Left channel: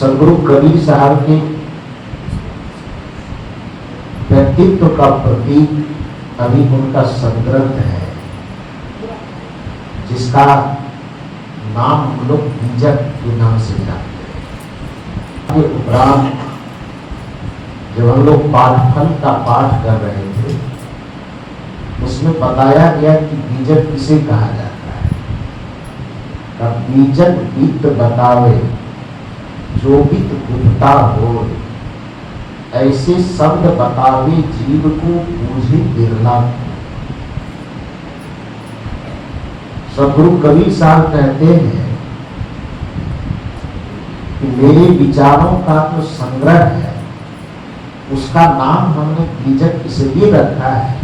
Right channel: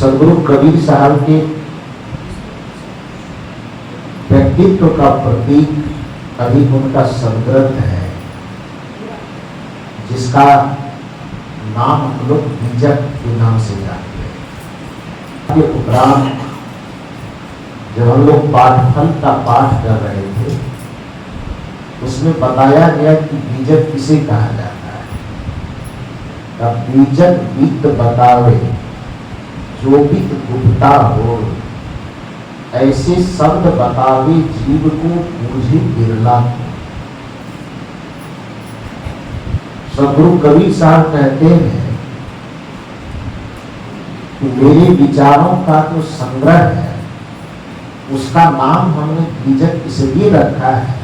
सदगुरु कबीर साहब के व्यक्तित्व का प्रतीक अभी उनका सदग्रंथ है, जिसका नाम हम लोग बीजक के नाम से जानते हैं। के उपरांत जब हम लोग पाठफल का पाठ कर रहे थे, उसमें बताया गया कि बीजक किसे कहा जाता है। तब बीजक वित्त बतावे जो वित्त गुप्ता हो, ऐसे शब्द बतावे जीव को बूझे बिरला। सदगुरु कबीर साहब कहते हैं कि मेरे विचारों का जो संग्रह है, उसका नाम हमने बीजक इसलिए रखा है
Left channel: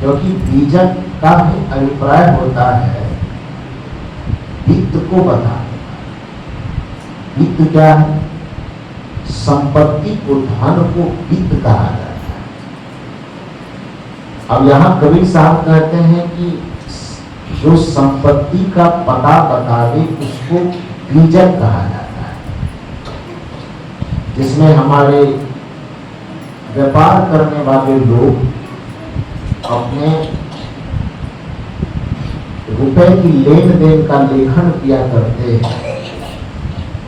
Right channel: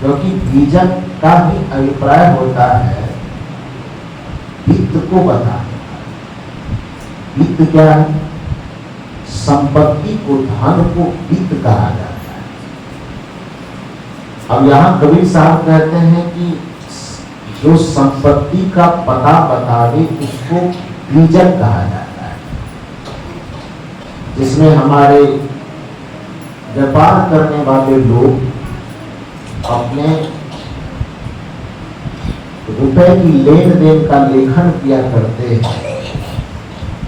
क्योंकि बीजक का भी अभिप्राय होता है वित्त को बताने का। वित्त क्या है? संपत्ति को, धन को वित्त कहा जाता है। अब यहां कबीर साहब कहते हैं कि जो संपत्ति का पता बतावे उसको बीजक कहा जाता है, जिसमें हमारे व्यापार करने वाले लोग अपने रुपए की लेन देन का लेखन किया करते हैं,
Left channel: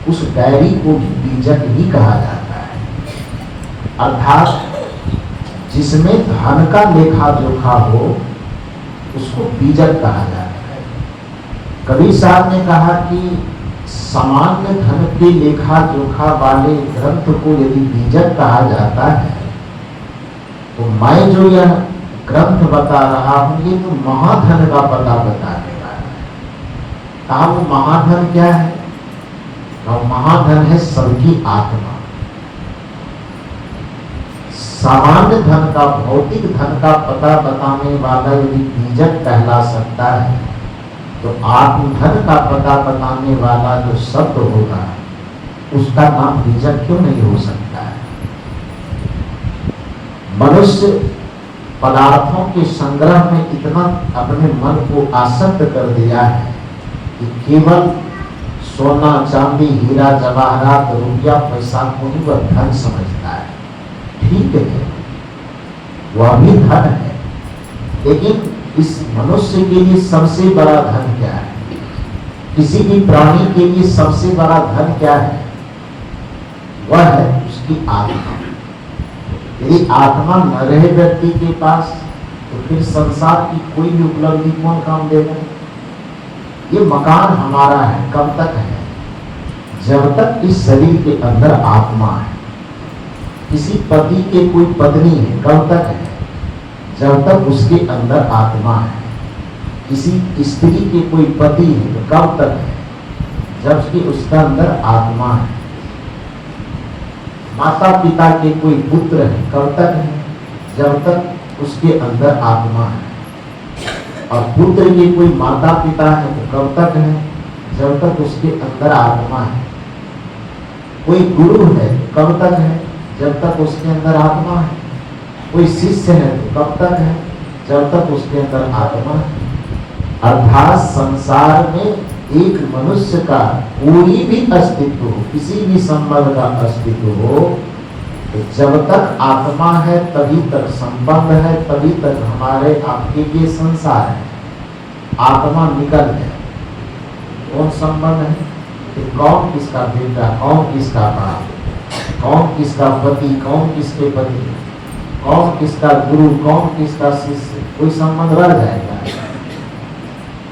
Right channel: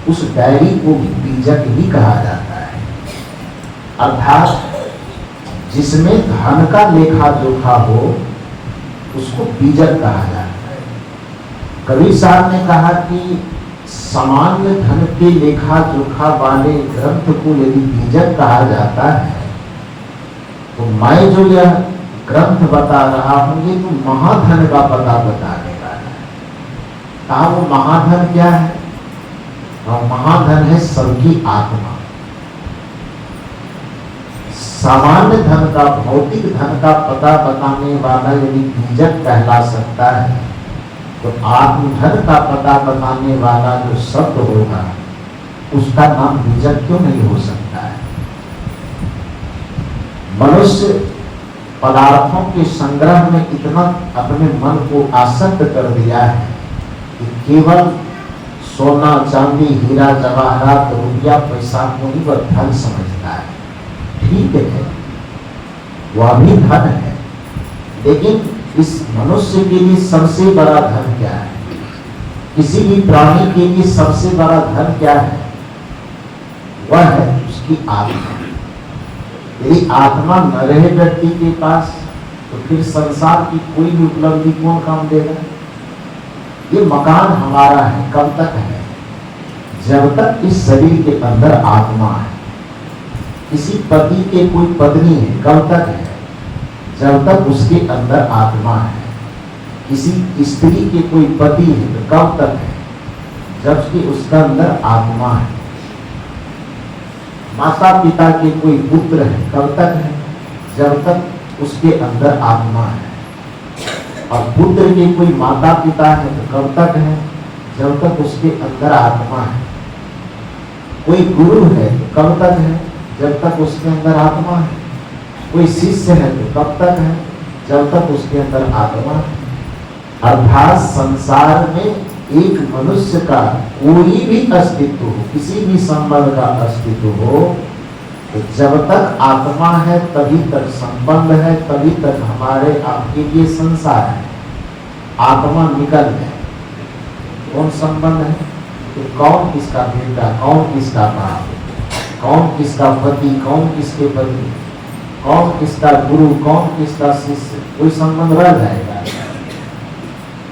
उस डायरी को भी बीजक ही कहा जाता है। अर्थात जिसमें धन का लेखा जोखा हो उसको बीजक कहा जाता है। कबीर साहब ने कहा कि सामान्य धन के लेखा जोखा वाले ग्रंथ को यदि बीजक कहा जाता है, तो मैं जो यह ग्रंथ बता रहा हूं ये तो महाधन का पता बताने का है। कहा वो महाधन क्या है? और महाधन है सबकी आत्मा। सामान्य धन का, भौतिक धन का पता बताने वाला यदि बीजक कहला सकता है, तो आत्मधन का पता बताने वाला जो शब्द होगा उसका नाम बीजक क्यों नहीं हो सकता है? मनुष्य पदार्थों के संग्रह में इतना अपने मन को आसक्त कर दिया है कि केवल सोना, चांदी, हीरा, जवाहरात, रुपया, पैसा को ही वह धन समझता है। ठीक है, वह भी धन है, लेकिन इस मनुष्य के लिए सबसे बड़ा धन क्या है? किसी भी प्राणी के लिए सबसे बड़ा धन क्या है? वह है उसकी आत्मा। यदि आत्मा न रहे व्यक्ति के पास, तो फिर संसार की कोई भी उपलब्धि कौन काम देगा? ये मकान हमारा है, कब तक है? जब तक इस शरीर के अंदर आत्मा है। किसी पति के कोई पत्नी है, कब तक है? जब तक उसके अंदर आत्मा है। किसी स्त्री के कोई पति है, तो कब तक है? जबकि उसका अंदर आत्मा है। माता पिता के कोई पुत्र है, कब तक है? जब तक उसके अंदर आत्मा है। और पुत्र के कोई माता पिता है, तो कब तक है? जब तक उसके अंदर आत्मा है। कोई गुरु है तो कब तक है? जब तक उसके अंदर आत्मा है। कोई शिष्य है तो कब तक है? जब तक उसके अंदर आत्मा है। अर्थात संसार में एक मनुष्य का कोई भी अस्तित्व हो, किसी भी संबंध का अस्तित्व हो, तो जब तक आत्मा है तभी तक संबंध है, तभी तक हमारे आपके लिए संसार है। आत्मा निकल है, कौन संबंध है? तो कौन किसका बेटा, कौन किसका बाप, कौन किसका पति, कौन किसके पति, कौन किसका गुरु, कौन किसका शिष्य, कोई संबंध रह जाएगा?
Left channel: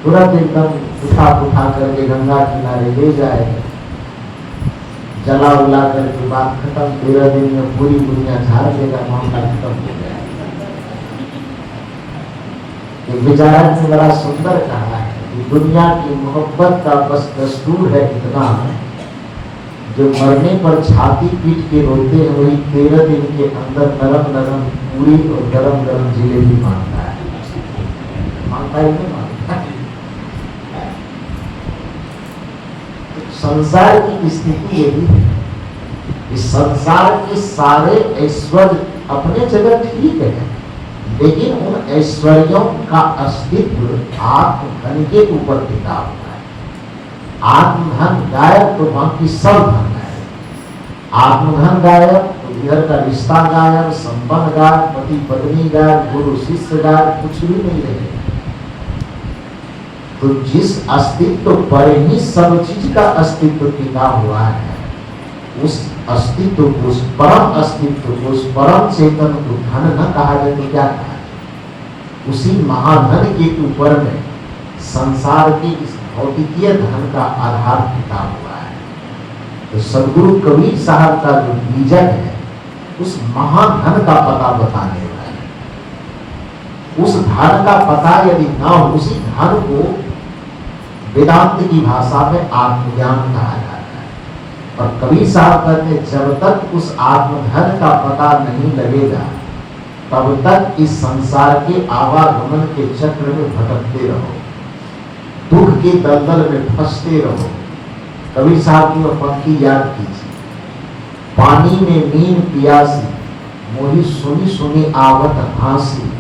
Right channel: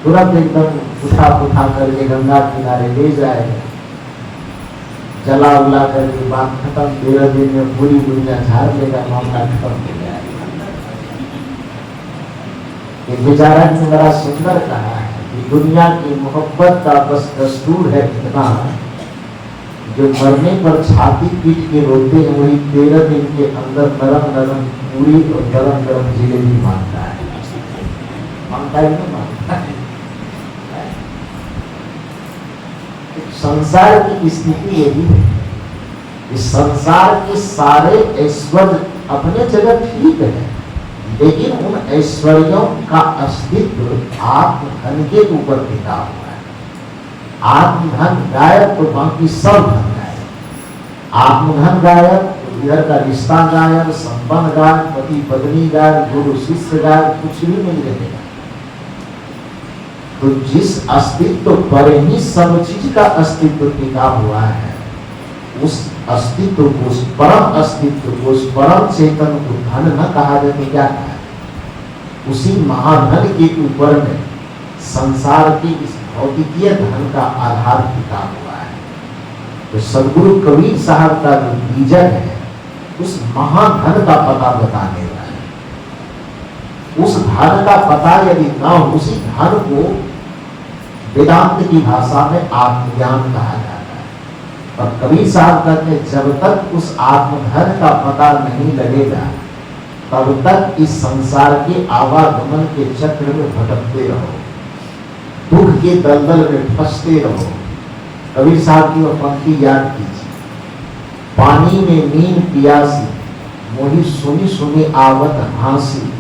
तुरंत एकदम उठा करके गंगा किनारे ले जाएगा, जला उला करके बात खत्म। 13 दिन में पूरी दुनिया झाड़ लेगा, मामला खत्म हो गया। विचारक ने बड़ा सुंदर कहा है कि दुनिया की मोहब्बत का बस दस्तूर है इतना, जो मरने पर छाती पीट के रोते हैं वही 13 दिन के अंदर नरम नरम पूरी और गरम गरम जिलेबी मांगता है। मांगता है तो मांगता है। संसार की स्थिति यही है। इस संसार के सारे ऐश्वर्य अपने जगह ठीक है, लेकिन उन ऐश्वर्यों का अस्तित्व आत्मधन के ऊपर टिका हुआ है। आत्मधन गायब तो बाकी सब धन है। आत्मधन गायब, इधर का रिश्ता गायब, संबंध गायब, पति पत्नी गायब, गुरु शिष्य गायब, कुछ भी नहीं रहेगा। तो जिस अस्तित्व पर ही सब चीज का अस्तित्व टिका हुआ है, उस अस्तित्व को, उस परम अस्तित्व को, उस परम चेतन को धन न कहा जाए तो क्या कहा? उसी महाधन के ऊपर में संसार के इस भौतिकीय धन का आधार टिका हुआ है। तो सदगुरु कबीर साहब का जो बीजन है, उस महाधन का पता बताने वाला है। उस धन का पता यदि न हो, उसी धन को वेदांत की भाषा में आत्मज्ञान कहा जाता है। और कबीर साहब कहते हैं, जब तक उस आत्मधन का पता नहीं लगेगा, तब तक इस संसार के आवागमन के चक्र में भटकते रहो, दुख के दलदल में फंसते रहो। कबीर साहब की वह पंक्ति याद कीजिए, पानी में नींद पियासी, मोहि सुनी सुनी आवत हांसी,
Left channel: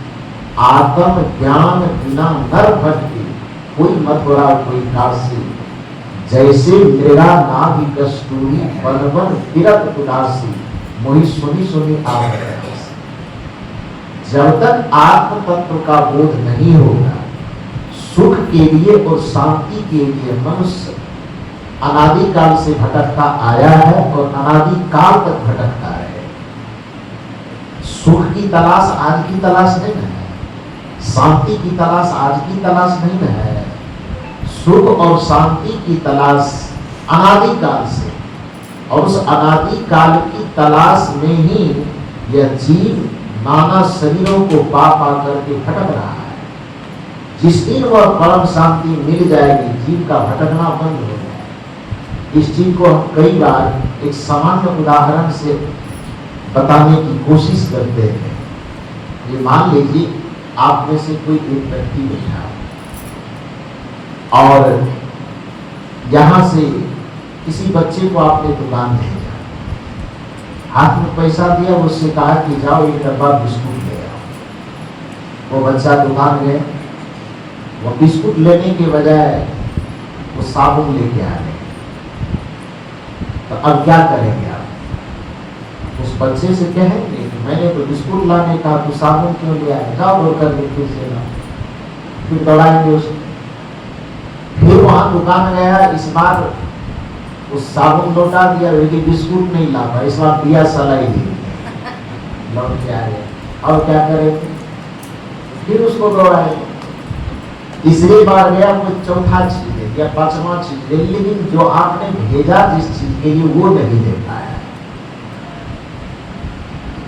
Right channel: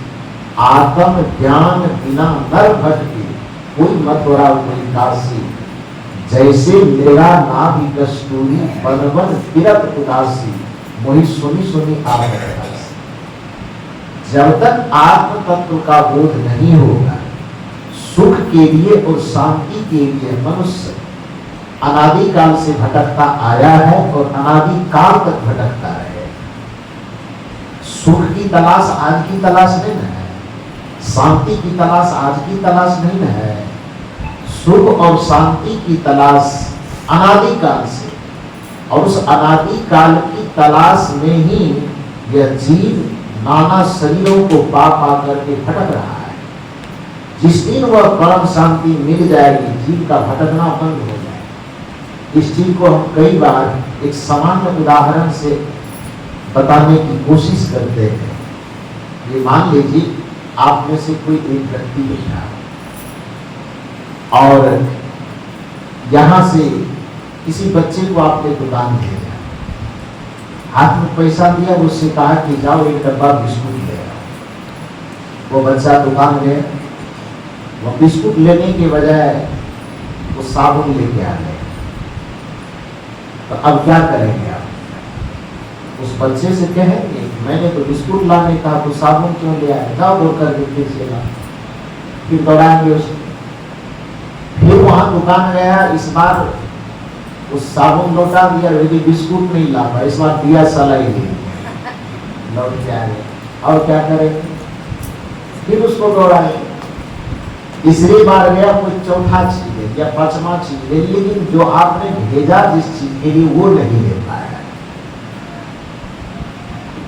आत्म ज्ञान बिना नर भटके, कोई मथुरा कोई काशी, जैसे मेरा नाभि कस्तूरी, बन बन फिरत उदासी, मोहि सुनी सुनी आवत हांसी। जब तक आत्म तत्व का बोध नहीं होगा, सुख के लिए और शांति के लिए मनुष्य अनादिकाल से भटकता आया है और अनादिकाल तक भटकता है। सुख की तलाश आज की तलाश नहीं है, शांति की तलाश आज की तलाश नहीं है। सुख और शांति की तलाश अनादिकाल से, और उस अनादिकाल की तलाश में ही यह जीव नाना शरीरों को पा पा करके भटक रहा है। जिस दिन वह परम शांति मिल जाएगी, जीव का भटकना बंद हो जाएगा। इस चीज को हम कई बार एक सामान्य उदाहरण से बताने की कोशिश करते हैं। ये मान लीजिए आप में से कोई एक व्यक्ति बैठा और यहां से किसी बच्चे को आपने दुकान भेजा, हाथ में पैसा दिया, उससे कहा कि जाओ एक डब्बा बिस्कुट ले आओ। वो बच्चा दुकान गए, वो बिस्कुट लेने के बजाय वो साबुन लेके आ गए। तो अब क्या करेंगे आप? उस बच्चे से कहेंगे मैंने तो बिस्कुट लाने कहा, तो साबुन क्यों ले आया? जाओ दौड़ कर फिर से ला। फिर दौड़ाएंगे उसको। फिर वहां दुकान गया, इस बार उस साबुन लौटा दिया, लेकिन बिस्कुट नहीं ला पाया, इस बार दिया सलाई दी, लौट के आ गए। और क्या करेंगे? फिर उसको दौड़ाएंगे। तीसरी बार गया, कोई चौथा चीज ले या पांचवा चीज ले, लेकिन जो आपने भेजा जिस चीज के लिए वो नहीं ले पाया।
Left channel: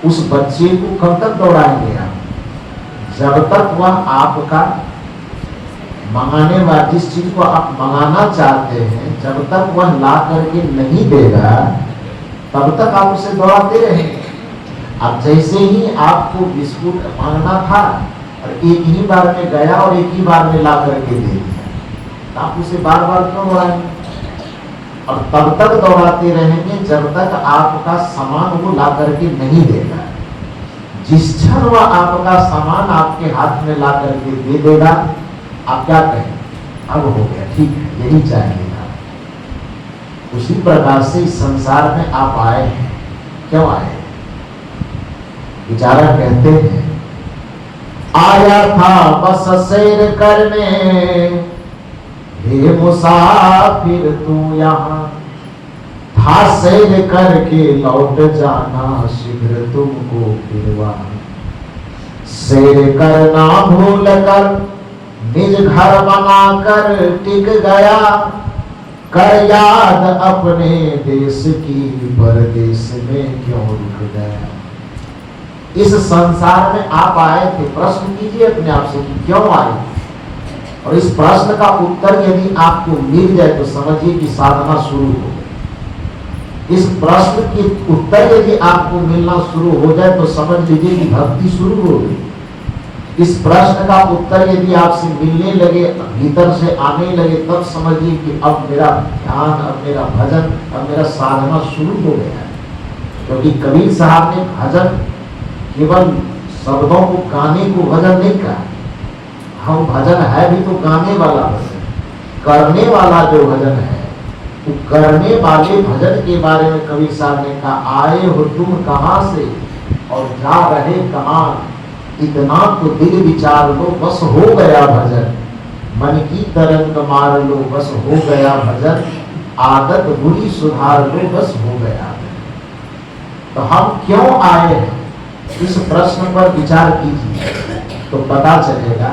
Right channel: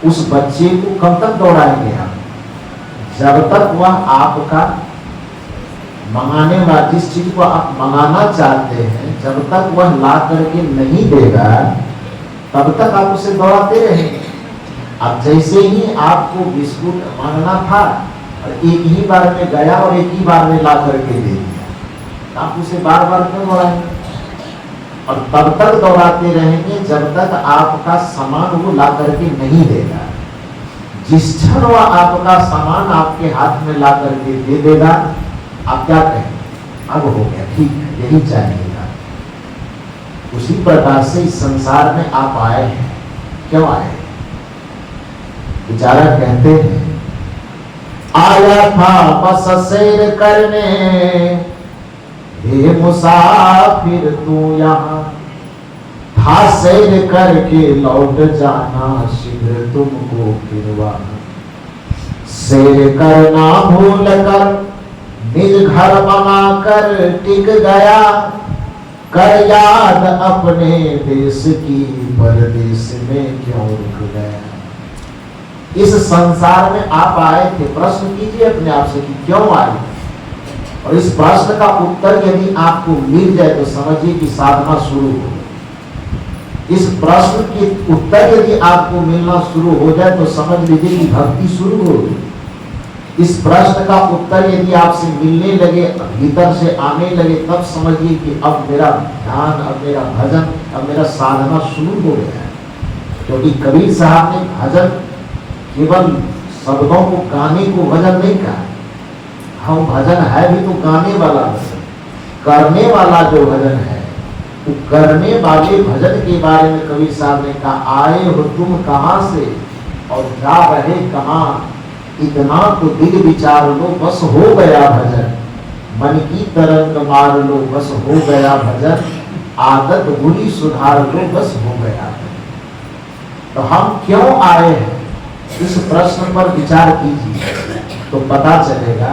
उस बच्चे को कब तक दौड़ाएंगे हम? जब तक वह आपका मंगाने वाला, जिस चीज को आप मंगाना चाहते हैं, जब तक वह ला करके नहीं देगा, तब तक आप उसे दौड़ाते रहेंगे। अब जैसे ही आपको बिस्कुट मांगना था, एक ही बार में गया और एक ही बार में ला करके दे दिया, आप उसे बार बार क्यों दौड़ाएंगे? और तब तक दौड़ाते रहेंगे जब तक आपका सामान वो ला करके नहीं देगा। जिस क्षण वह आपका सामान आपके हाथ में ला करके दे देगा, आप क्या कहेंगे? अब हो गया, ठीक है, यही चाहिए था। उसी प्रकार से इस संसार में आप आए हैं। क्यों आए? विचारक कहते हैं, आया था बस सैर करने, हे मुसाफिर तू यहाँ, था सैर करके लौट जाना, शीघ्र तुमको फिर वहाँ। सैर करना भूल कर निज घर बनाकर टिक गया, कर याद अपने देश की, परदेश में क्यों रुक गया। इस संसार में आप आए थे, प्रश्न कीजिए अपने आप से कि क्यों आए, और इस प्रश्न का उत्तर यदि आपको मिल जाए तो समझिए कि साधना शुरू हो। इस प्रश्न के उत्तर यदि आपको मिलना शुरू हो जाए तो समझ लीजिए कि भक्ति शुरू हो गई। इस प्रश्न का उत्तर यदि आपसे मिलने लगे, भीतर से आने लगे, तब समझिए कि अब मेरा ध्यान, अब मेरा भजन, अब मेरा साधना शुरू हो गया है। क्योंकि कबीर साहब ने भजन केवल शब्दों को गाने को भजन नहीं कहा। हम भजन है भी तो गाने वाला भजन, करने वाला जो भजन है तो करने वाले भजन के बारे में कबीर साहब ने कहा, आए हो तुम कहां से और जा रहे कहां, इतना तो दिल विचार लो बस हो गया भजन, मन की तरंग मार लो बस हो गया भजन, आदत बुरी सुधार लो बस हो गया। तो हम क्यों आए हैं, इस प्रश्न पर विचार कीजिए तो पता चलेगा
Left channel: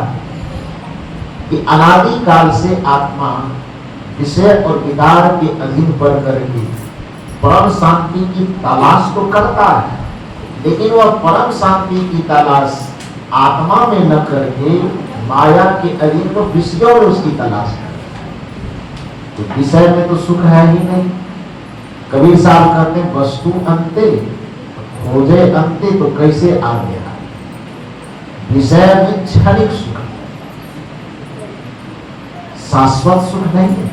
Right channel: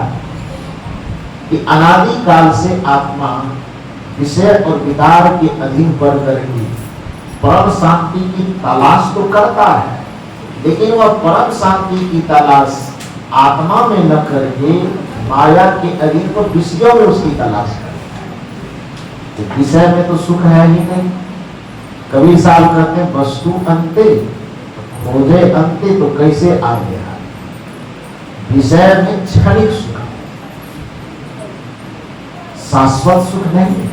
कि अनादि काल से आत्मा विषय और विकार के अधीन पड़ करके परम शांति की तलाश तो करता है, लेकिन वह परम शांति की तलाश आत्मा में न करके माया के अधीन तो विषयों में उसकी तलाश है। तो विषय में तो सुख है ही नहीं। कबीर साहब कहते हैं वस्तु अंते खोजे अंते, तो कैसे आ गया विषय में क्षणिक सुख, शाश्वत सुख नहीं है।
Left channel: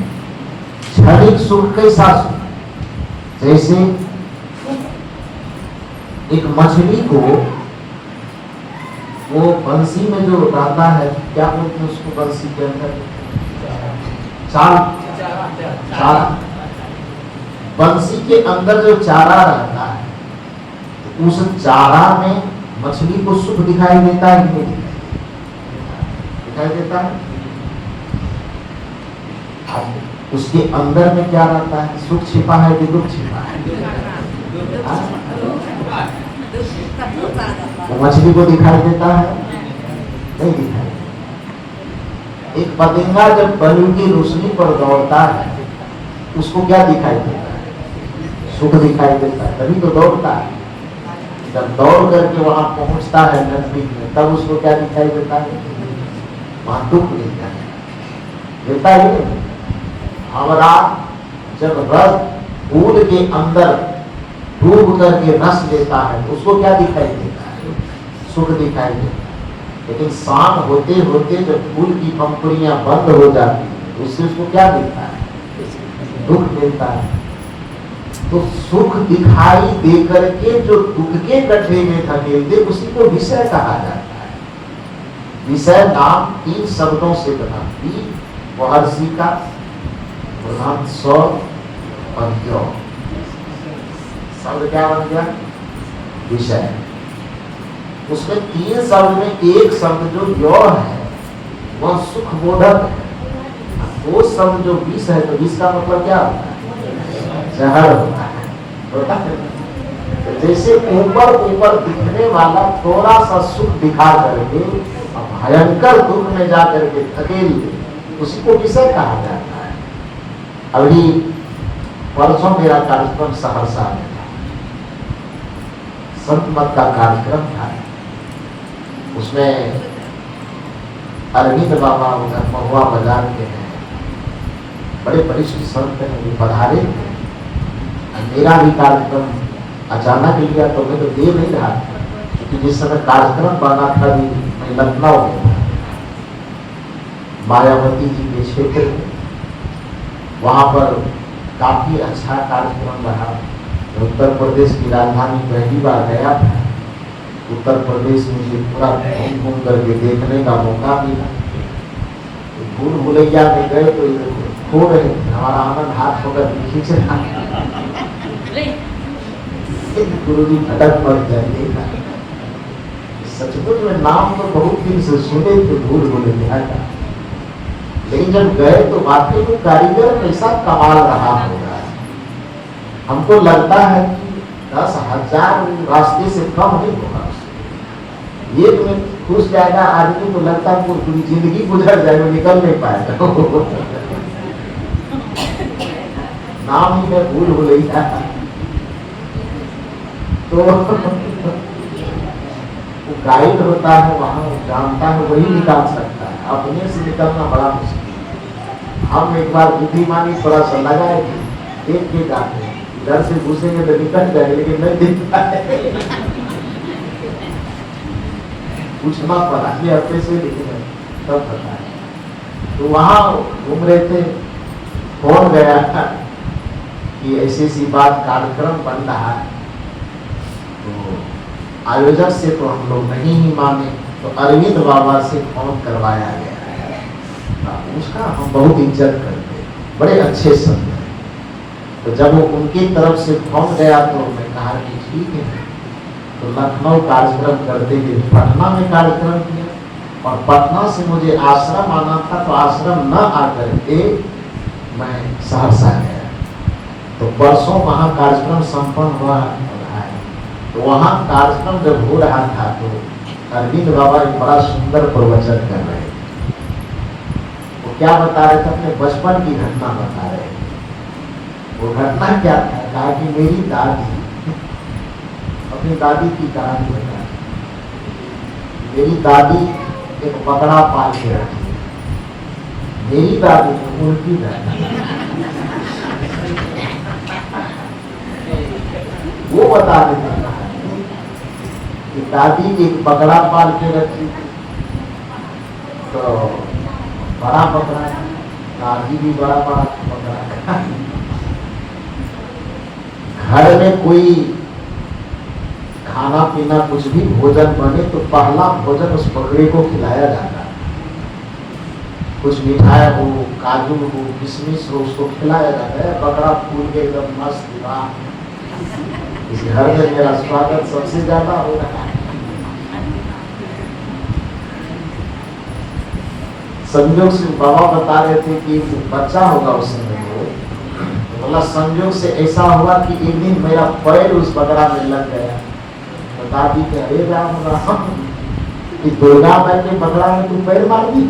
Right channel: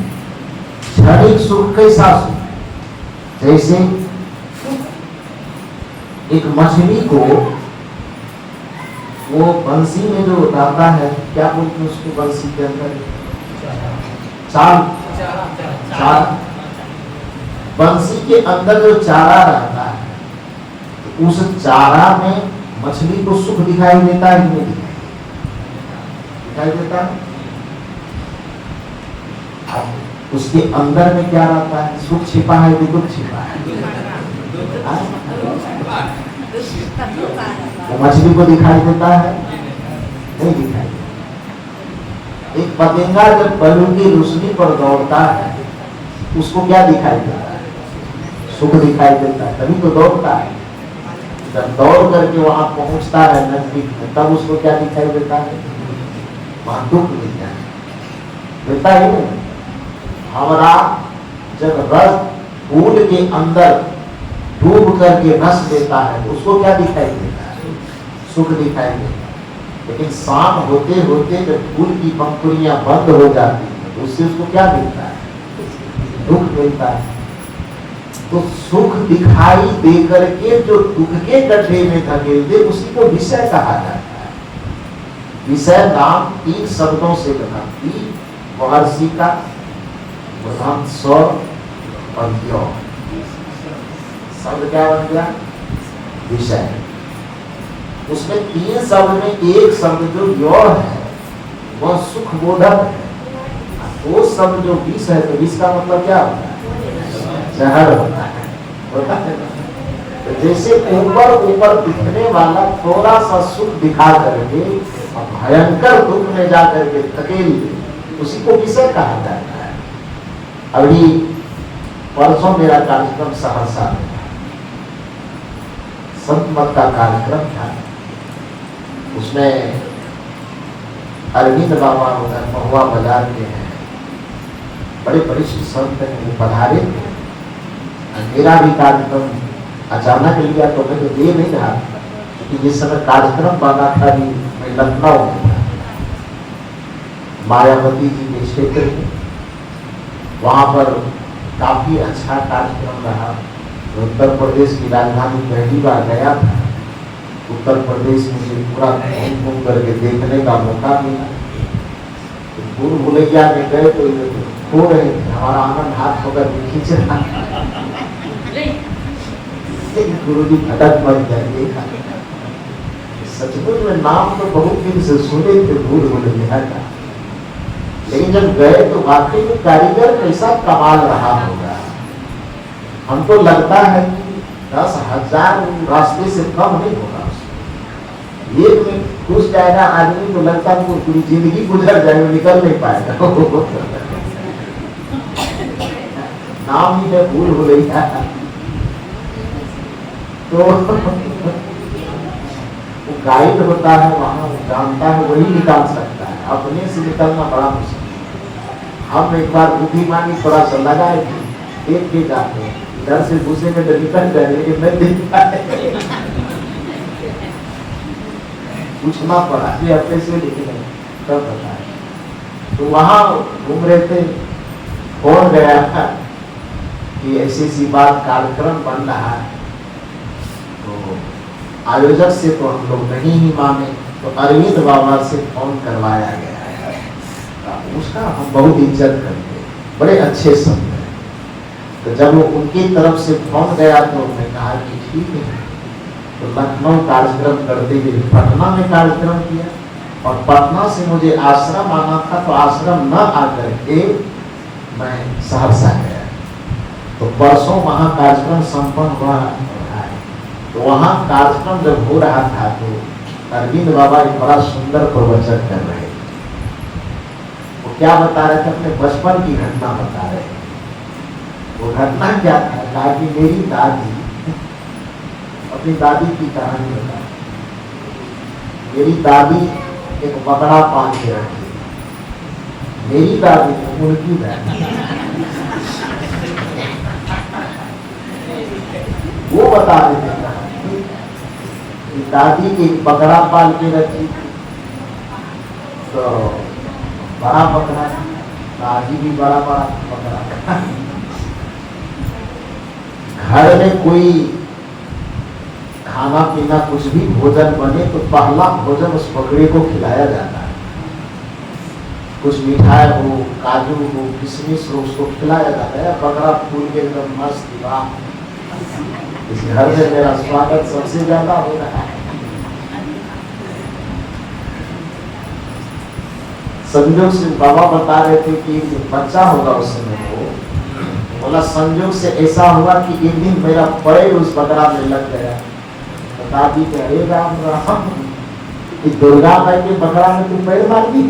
क्षणिक सुख कैसा सुख, जैसे एक मछली को वो बंसी में जो डालता है, क्या बोलते हैं उसको, बंसी के अंदर चारा, बंसी के अंदर जो चारा रहता है, उस चारा में मछली को सुख दिखाई देता है कि नहीं दिखाई देता है? उसके अंदर में क्या रहता है, सुख छिपा है कि दुख छिपा है? तो मछली को दिखाई देता है? नहीं दिखाई देता। एक पतंगा जब बलून की रोशनी पर दौड़ता है, उसको क्या दिखाई देता है? सुख दिखाई देता है, तभी तो दौड़ता है। जब दौड़ करके वहां पहुंचता है नजदीक में, तब उसको क्या दिखाई देता है? वहां दुख देता है, देता ही नहीं। हमारा जब रस फूल के अंदर डूब करके रस लेता है, तो उसको क्या दिखाई देता है? सुख दिखाई देता है। लेकिन शाम होते होते जब फूल की पंखुड़ियां बंद हो जाती है, तो उससे उसको क्या मिलता है? दुख मिलता है। तो सुख दिखाई दे करके जो दुख के गड्ढे में धकेल दे, उसी को विषय कहा जाता है। विषय नाम 3 शब्दों से बना, महर्षि का प्रधान स्व और यो। शब्द क्या बन गया? विषय। उसमें 3 शब्द में एक शब्द जो यो है वह सुख बोधक है। वो शब्द जो विष है, तो विष का मतलब क्या होता है? जहर होता है। तो जैसे ऊपर ऊपर दिखने वाला थोड़ा सा सुख दिखा करके भयंकर दुख में जा करके धकेल दे, उसी को विषय कहा जाता है। अभी परसों मेरा कार्यक्रम सहरसा में था, संत मत का कार्यक्रम था। उसमें अरविंद बाबा होकर महुआ बाजार के हैं, बड़े वरिष्ठ संत हैं, वो पधारे। मेरा भी कार्यक्रम अचानक लिया, तो मैं तो दे नहीं रहा, क्योंकि जिस समय कार्यक्रम बना था मैं लखनऊ में, मायावती जी के क्षेत्र में, वहां पर काफी अच्छा कार्यक्रम रहा। उत्तर प्रदेश की राजधानी पहली बार गया था। उत्तर प्रदेश मुझे पूरा घूम घूम करके देखने का मौका मिला। तो भूल भुलैया में गए तो खो गए, हमारा आनंद हाथ पकड़ के खींच रहा। गुरु जी भटक मर जाएंगे। सचमुच में नाम तो बहुत दिन से सुने थे भूल भुलैया का, लेकिन जब गए तो वाकई में कारीगर कैसा कमाल रहा होगा। हमको लगता है कि 10,000 रास्ते से कम नहीं होगा। एक में घुस जाएगा आदमी को, लगता है पूरी जिंदगी गुजर जाए, वो निकल नहीं पाएगा। नाम ही है भूल भुलैया। तो वो गाइड होता है वहां, जानता है, वही निकाल सकता है। अपने से निकलना बड़ा मुश्किल। हम एक बार बुद्धिमानी थोड़ा सा लगाए, देख के जाते हैं, इधर से घुसेंगे तो निकल जाए, लेकिन नहीं दिख पाए। पूछना पड़ा, ये हफ्ते से दिखे तब पता है। तो वहां घूम रहे थे, फोन गया था कि ऐसी बात कार्यक्रम बन रहा है। तो आयोजक से तो हम लोग नहीं ही माने, तो अरविंद बाबा से फोन करवाया गया है। उसका हम बहुत इज्जत करते हैं, बड़े अच्छे संत हैं। तो जब वो उनकी तरफ से फोन गया तो मैं कहा कि ठीक है। तो लखनऊ कार्यक्रम करते हुए पटना में कार्यक्रम किया और पटना से मुझे आश्रम आना था, तो आश्रम न आकर के मैं सहरसा गया। तो परसों वहाँ कार्यक्रम संपन्न हुआ है। तो वहाँ कार्यक्रम जब हो रहा था तो अरविंद बाबा एक बड़ा सुंदर प्रवचन कर रहे थे। तो क्या बता रहे थे? अपने बचपन की घटना बता रहे थे। वो घटना क्या था? कहा कि मेरी दादी, अपनी दादी की कहानी बता। मेरी दादी एक बकरा पाल के रखी। मेरी दादी उनकी दादी, वो बता रहे थे कि दादी एक बकरा पाल के रखी। तो बड़ा बकरा, दादी भी बड़ा बड़ा बकरा। घर में कोई खाना पीना कुछ भी भोजन बने तो पहला भोजन उस बकरे को खिलाया जाता है। कुछ मिठाई हो, काजू हो, किशमिश हो, उसको खिलाया जाता है। बकरा फूल के एकदम मस्त, वाह इस घर में मेरा स्वागत सबसे ज्यादा हो रहा है। संयोग से बाबा बता रहे थे कि बच्चा होगा उस समय को, बोला संयोग से ऐसा हुआ कि एक दिन मेरा पैर उस बकरा में लग गया। तो दादी कहे राम राम कि दुर्गा माई के बकरा में तू पैर मार दी।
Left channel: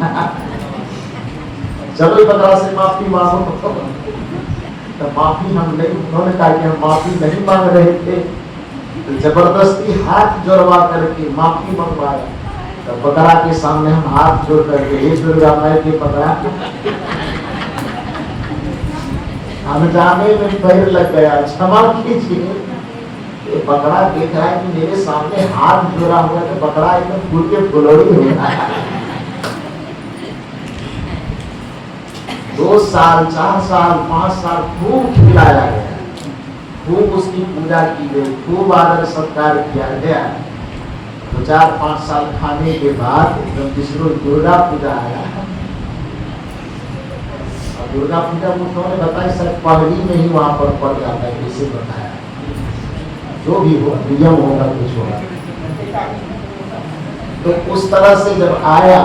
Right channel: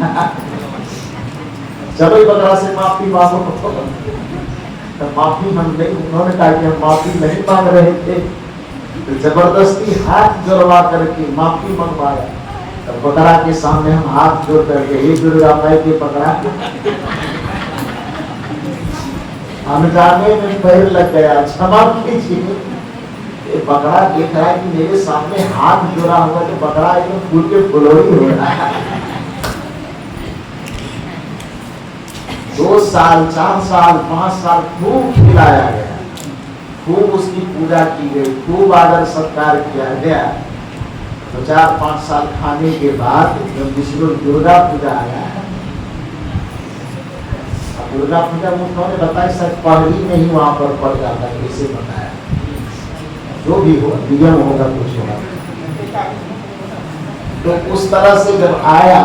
चलो बकरा से माफी मांगो। तो माफी हम नहीं, उन्होंने कहा कि हम माफी नहीं मांग रहे थे। तो जबरदस्ती हाथ जोड़वा करके माफी मंगवाया। तो बकरा के सामने हम हाथ जोड़ करके, हे दुर्गा माई के बकरा, अनजाने में पैर लग गया, क्षमा कीजिए। बकरा देख रहा है कि मेरे सामने हाथ जोड़ा हुआ है। बकरा एकदम फूल के फुलौड़ी हो रहा है। 2 साल, 4 साल, 5 साल खूब खिलाया गया, खूब उसकी पूजा की गई, खूब आदर सत्कार किया गया। तो 4-5 साल खाने के बाद जब विष्णु दुर्गा पूजा आया, दुर्गा पूजा वो उन्होंने बताया सर पहली में ही वहां पर पड़ जाता है, इसे बताया जो भी हो नियम होगा कुछ होगा। तो उस तरह से जब आया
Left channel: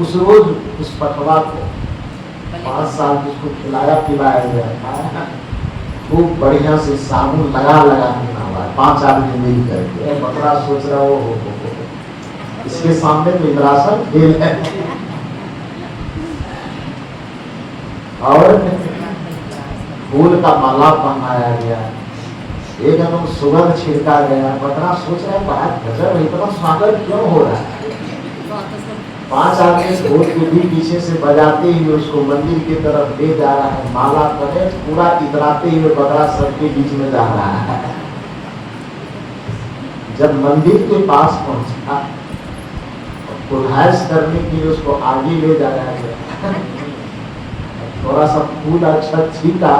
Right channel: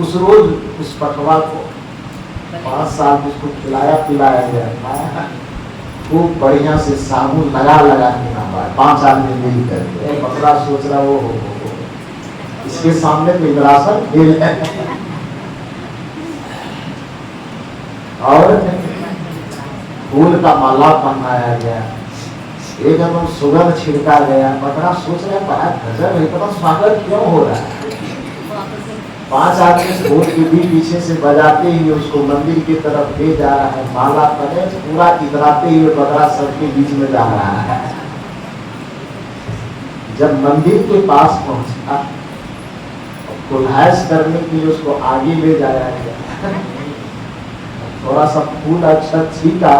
उस रोज उस पकवा को 5 साल उसको खिलाया पिलाया गया, खूब बढ़िया से साबुन लगा लगा के खावा। 5 आदमी मिल करके बकरा सोच रहा हो इसके सामने तो इंद्रासन खेल है। और फूल का माला पहनाया गया, एकदम सुगंध छिड़का गया। बकरा सोच रहा है बात गजब, इतना स्वागत क्यों हो रहा है। 5 आदमी ढोल के भी पीछे से बजाते हुए उसको मंदिर की तरफ ले जा रहा है। माला पहने पूरा इतराते हुए बकरा सबके बीच में जा रहा है। जब मंदिर के पास पहुंचा तो कुल्हाइश करने के लिए उसको आगे ले जाया गया। थोड़ा सा फूल अच्छा छीटा,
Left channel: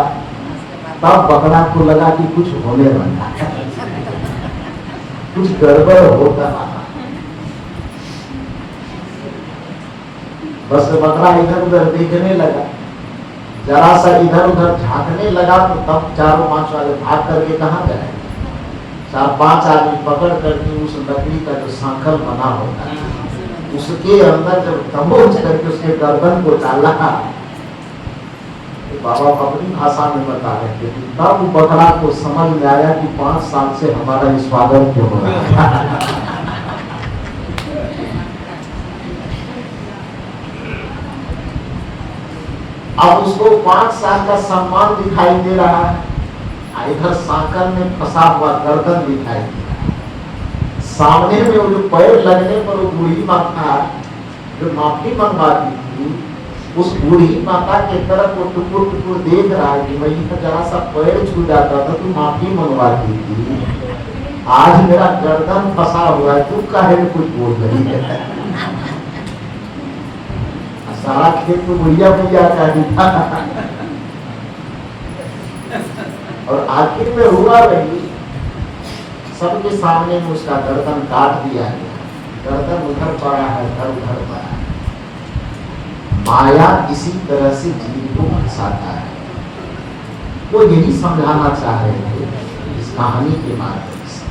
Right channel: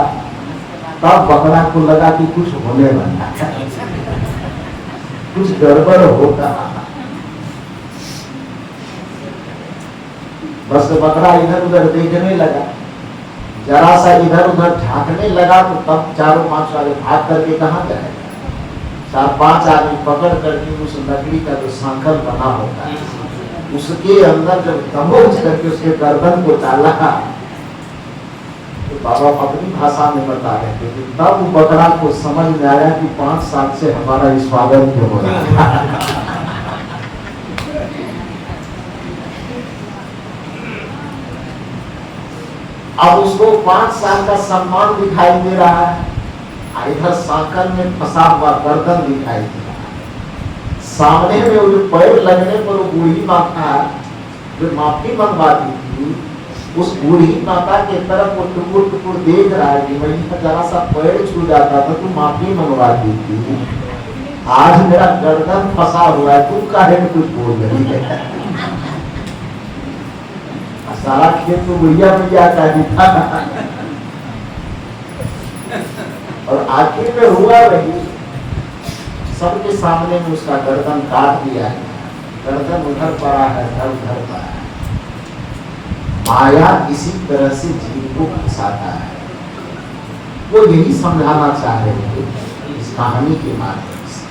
तब बकरा को लगा कि कुछ होने वाला है, कुछ गड़बड़ होगा। बस बकरा इधर उधर देखने लगा, जरा सा इधर उधर झांकने लगा तो तब 4-5 वाले भाग करके कहाँ गए। 4-5 आदमी पकड़ करके उस लकड़ी का जो सांकल बना होता है उसके अंदर जब दबोच करके उसके गर्दन को डाला, तो बाबा अपनी भाषा में बता रहे थे कि तब बकरा को समझ में आया कि 5 साल से हमारा स्वागत क्यों हो रहा है। अब उसको 5 साल का सम्मान दिखाई दे रहा है, इधर सांकल में फंसा हुआ गर्दन दिखाई दे रहा है। सामने में वो जो पैर लगने पर वो बूढ़ी माता जो माफी मंगवाती थी, उस बूढ़ी माता के तरफ वो टुकुर टुकुर देख रहा है कि मैं जरा सा पैर छू जाता था तू माफी मंगवाती थी, आज मेरा गर्दन फंसा हुआ है, तू काहे में कुछ बोल रही है। सारा खेत में बुढ़िया भैया का ही था। और आखिर में हुआ वही, सबके सामने में उसका गर्दन काट दिया है। गर्दन उधर पड़ा है, उधर पड़ा है। माया इसी तरह से जीव को फंसाता है। हमको यही समझाना चाह रहे थे इस कहानी के माध्यम से।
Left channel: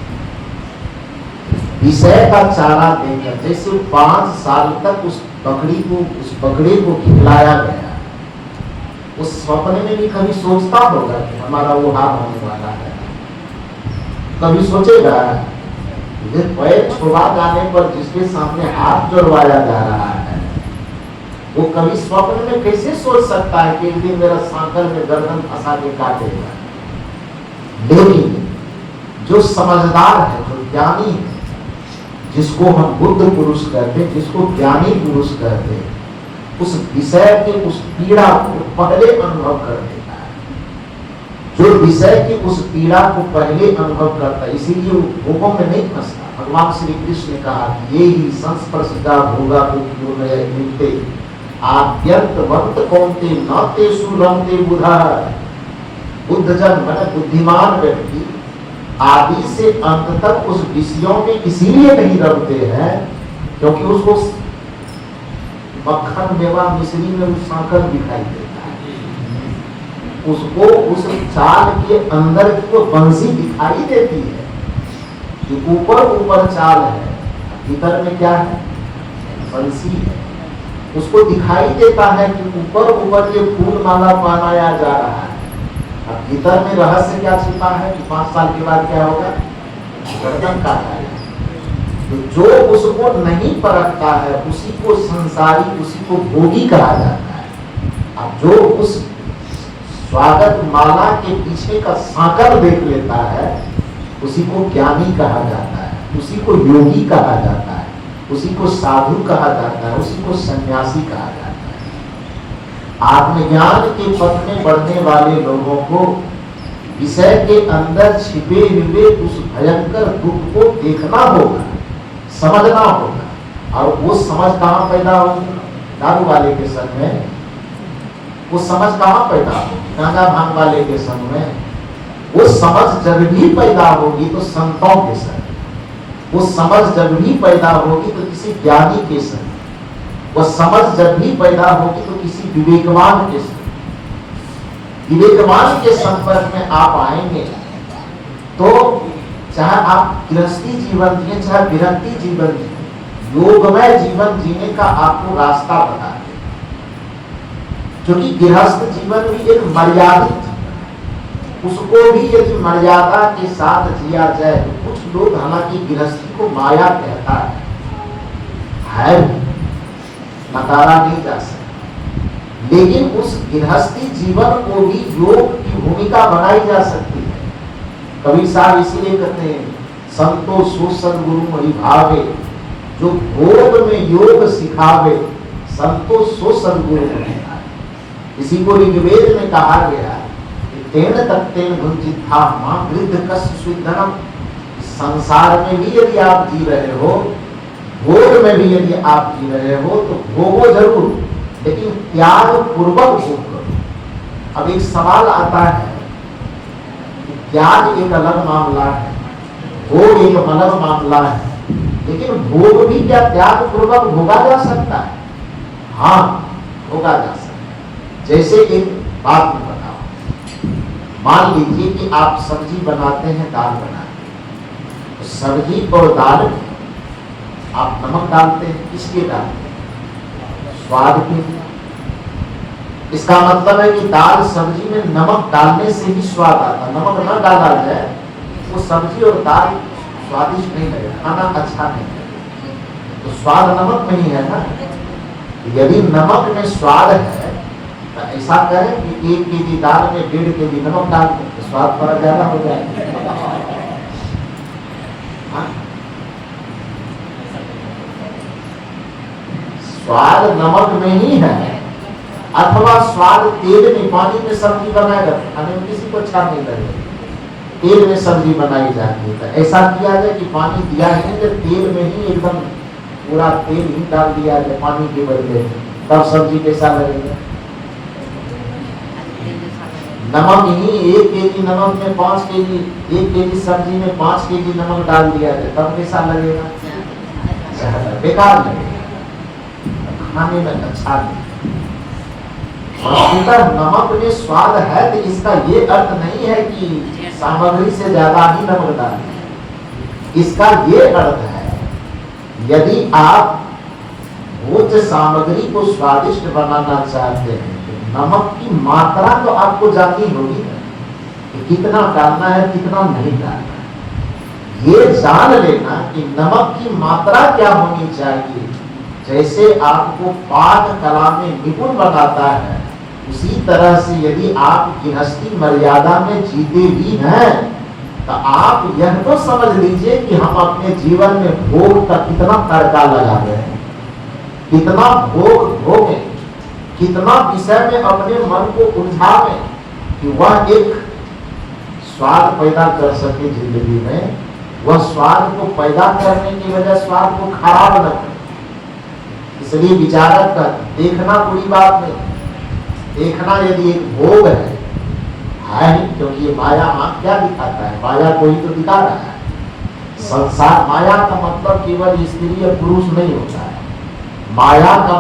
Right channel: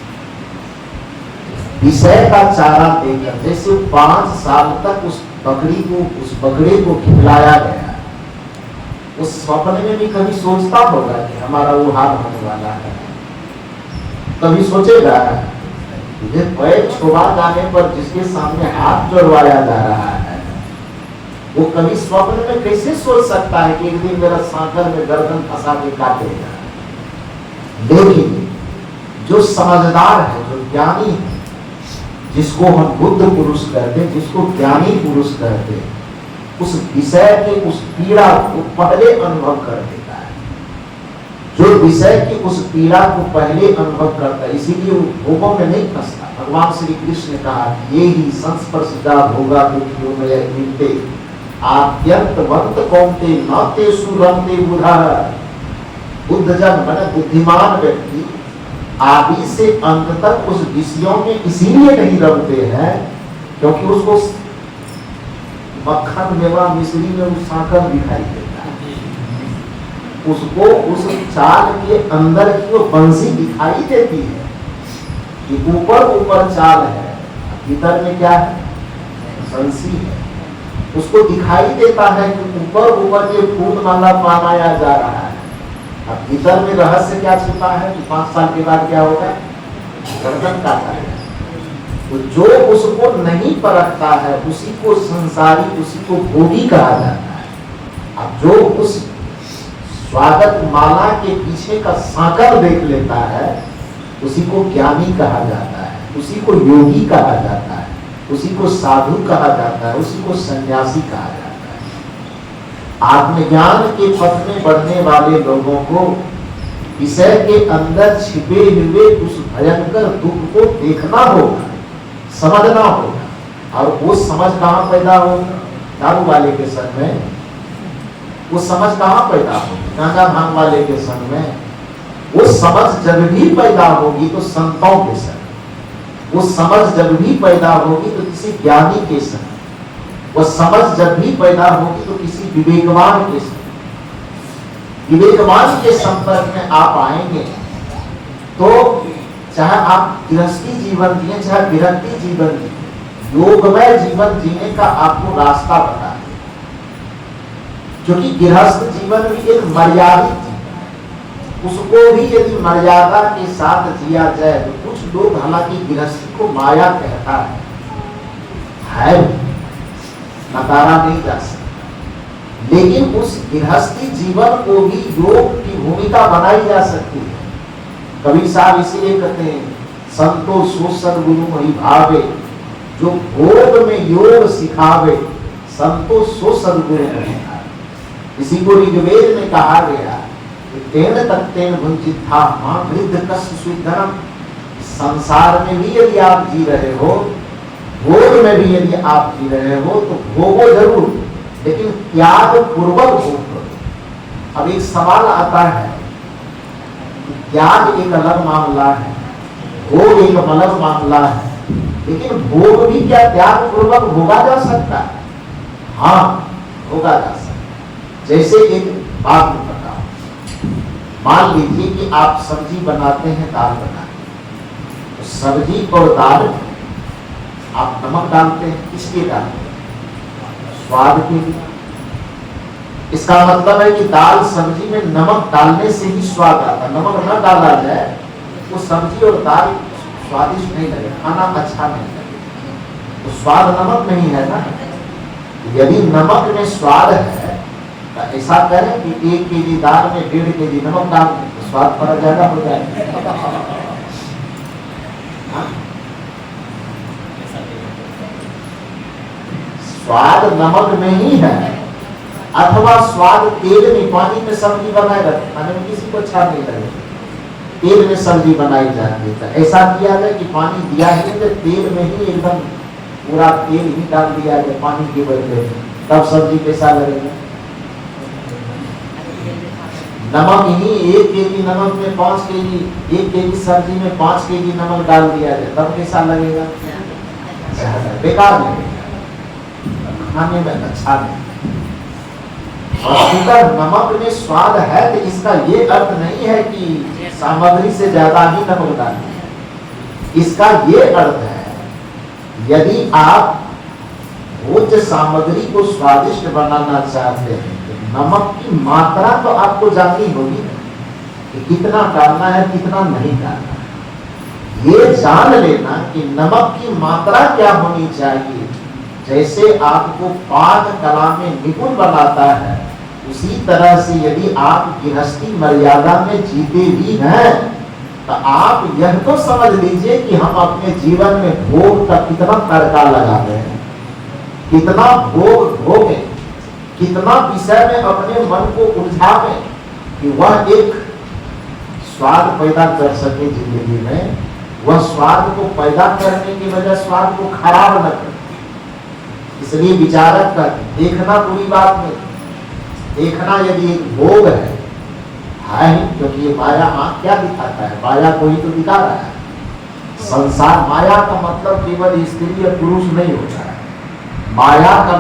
विषय का चारा देकर, जैसे 5 साल तक उस बकरे को खिलाया गया, उस स्वप्न में भी कभी सोचता होगा कि हमारा वो हाल होने वाला है? कभी सोचेगा? पैर छुआ जाने पर जिसके सामने हाथ जोड़वाया जा रहा है, वो कभी स्वप्न में कैसे सोच सकता है कि एक दिन मेरा सांकर में गर्दन फंसा के काटेगा? लेकिन जो समझदार है, जो ज्ञानी है, जिसको हम बुद्ध पुरुष कहते हैं, जिसको ज्ञानी पुरुष कहते हैं, उस विषय के उस पीड़ा को पहले अनुभव कर देता है। जो विषय की उस पीड़ा को पहले अनुभव करता है, इसीलिए वो भोगों में नहीं फंसता। भगवान श्री कृष्ण ने कहा कि ये ही संस्पर्शदा भोगा मिलते आद्यंत वक्त कौनते नाते सुरमते बुधा। बुद्ध जन माने बुद्धिमान व्यक्ति आदि से अंत तक उस विषयों में इसीलिए नहीं रमते हैं क्योंकि उसको मक्खन मेवा मिश्री में उस सांकर दिखाई देता है, उसको उस चाल के अंदर की वो बंसी दिखाई देती है कि ऊपर ऊपर चाल है, भीतर में क्या है? बंसी है। उसको दिखाई देता है कि ऊपर ऊपर में फूल माला पहनाया जा रहा है, अब भीतर में रहस्य क्या छिपा है कि 5 साल के बाद क्या होगा? गर्दन काटा है। तो जो उसको नहीं परखता है उसी को संसारी, उसी को भोगी कहा जाता है। अब जो उस स्वागत माला के पीछे का सांकर देख लेता है उसी को ज्ञानी कहा जाता है, उसी को योगी कहा जाता है, उसी को साधु कहा जाता है, उसी को सन्यासी कहा जाता है। आत्मज्ञान के पथ में बढ़ने वाले लोगों को विषय के अंदर छिपे हुए उस भयंकर दुख को देखना होगा, समझना होगा। और वो समझ कहाँ पैदा होगा? दारू वाले के समय वो समझ कहाँ पैदा होगी? गांजा भांग वाले के समय वो समझ जब भी पैदा होगी तो संतों के समय, वो समझ जब भी पैदा होगी तो किसी ज्ञानी के समय, वो समझ जब भी पैदा होगी तो किसी विवेकवान के समय। विवेकवान के संपर्क में आप आएंगे तो चाहे आप गृहस्थी जीवन जिए, चाहे विरक्ति जीवन जिए, योगमय जीवन जीने का आपको रास्ता बता है। क्योंकि गृहस्थ जीवन भी एक मर्यादित जीवन है, उसको भी यदि मर्यादा के साथ जिया जाए तो कुछ लोग हालांकि गृहस्थी को माया कहता है, नकारा नहीं जा सकता, लेकिन उस गृहस्थी जीवन को भी योग की भूमिका बनाई जा सकती है। कबीर साहब इसीलिए कहते हैं संतो सो सद्गुरु मोहि भावे, जो भोग में योग सिखावे संतो सो सद्गुरु मोहि भावे। इसी को ऋग्वेद में कहा गया कि तेन तत्तेन भुंजित था मां वृद्ध कस्य स्विद्धनम। संसार में भी यदि आप जी रहे हो, भोग में भी यदि आप जी रहे हो तो भोगो जरूर, लेकिन त्याग पूर्वक भोग करो। अब एक सवाल आता है, त्याग एक अलग मामला है, भोग एक अलग मामला है, लेकिन भोग भी क्या त्याग पूर्वक भोगा जा सकता है? हाँ, भोगा जा सकता है। जैसे एक बात बताओ, मान लीजिए कि आप सब्जी बनाते हैं, दाल बनाते हैं, तो सब्जी और दाल आप नमक डालते हैं, किसके डालते हैं? स्वाद के लिए। इसका मतलब है कि दाल सब्जी में नमक डालने से ही स्वाद आता। नमक न डाला जाए वो सब्जी और दाल स्वादिष्ट नहीं लगेगा, खाना अच्छा नहीं लगेगा। तो स्वाद नमक नहीं है ना। यदि नमक में स्वाद है तो ऐसा करें कि 1 केजी दाल में 1.5 केजी नमक डाल दें तो स्वाद थोड़ा ज्यादा हो जाएगा। स्वाद नमक में ही है, अथवा स्वाद तेल में, पानी में सब्जी बनाए रखते, खाने में किसी को अच्छा नहीं लगेगा, तेल में सब्जी बनाई जाती है। ऐसा किया जाए कि पानी दिया ही तो तेल में ही एकदम पूरा तेल ही डाल दिया जाए पानी के बदले, तब सब्जी कैसा लगेगा? नमक ही 1 केजी नमक में 5 केजी, 1 केजी सब्जी में 5 केजी नमक डाल दिया जाए तब कैसा लगेगा? बेकार लगेगा, खाने में अच्छा नहीं। वस्तुतः नमक में स्वाद है, तो इसका ये अर्थ नहीं है कि सामग्री से ज्यादा ही नमक डालें। इसका ये अर्थ है, यदि आप भोज्य सामग्री को स्वादिष्ट बनाना चाहते हैं तो नमक की मात्रा तो आपको जाननी होगी कि कितना डालना है, कितना नहीं डालना है। ये जान लेना कि नमक की मात्रा क्या होनी चाहिए, जैसे आपको पाक कला में निपुण बनाता है, उसी तरह से यदि आप गृहस्थी मर्यादा में जीते भी हैं तो आप यह तो समझ लीजिए कि हम अपने जीवन में भोग का कितना तड़का लगा रहे हैं, कितना भोग भोगे, कितना विषय में अपने मन को उलझावे कि वह एक स्वाद पैदा कर सके जिंदगी में, वह स्वाद को पैदा करने की वजह स्वाद को खराब न करे। इसलिए विचारक का देखना बुरी बात नहीं, देखना यदि एक भोग है ही, क्योंकि ये माया क्या दिखाता है, माया को ही तो दिखा रहा है। संसार माया का मतलब केवल स्त्री या पुरुष नहीं होता है, माया का